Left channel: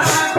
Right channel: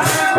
Oh,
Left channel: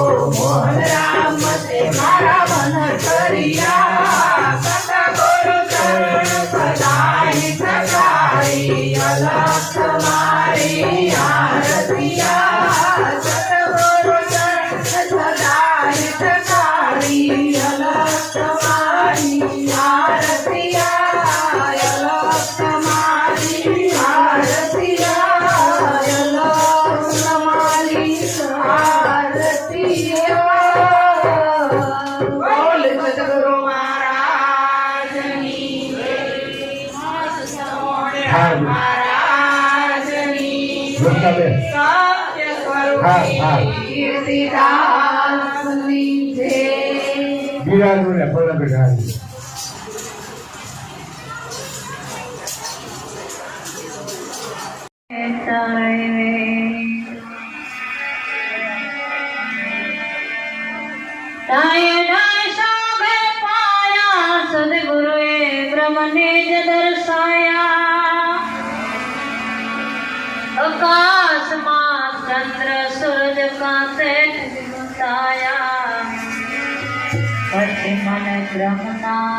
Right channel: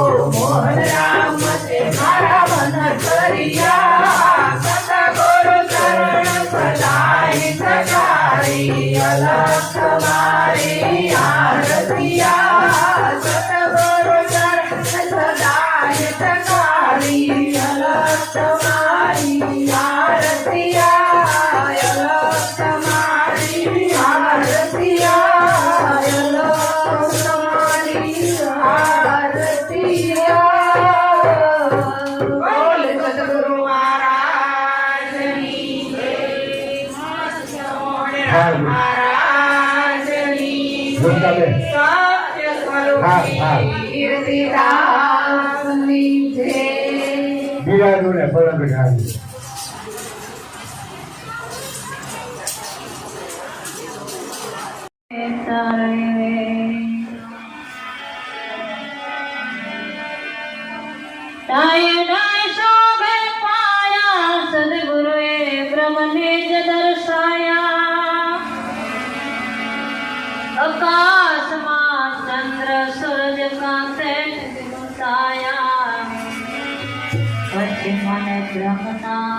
for one. হ্যাঁ ঢুকাবে হ্যাঁ হ্যাঁ বিরাজ বলে বলে বিরাজ सदगुरु ब्रह्मने जन してお考えください。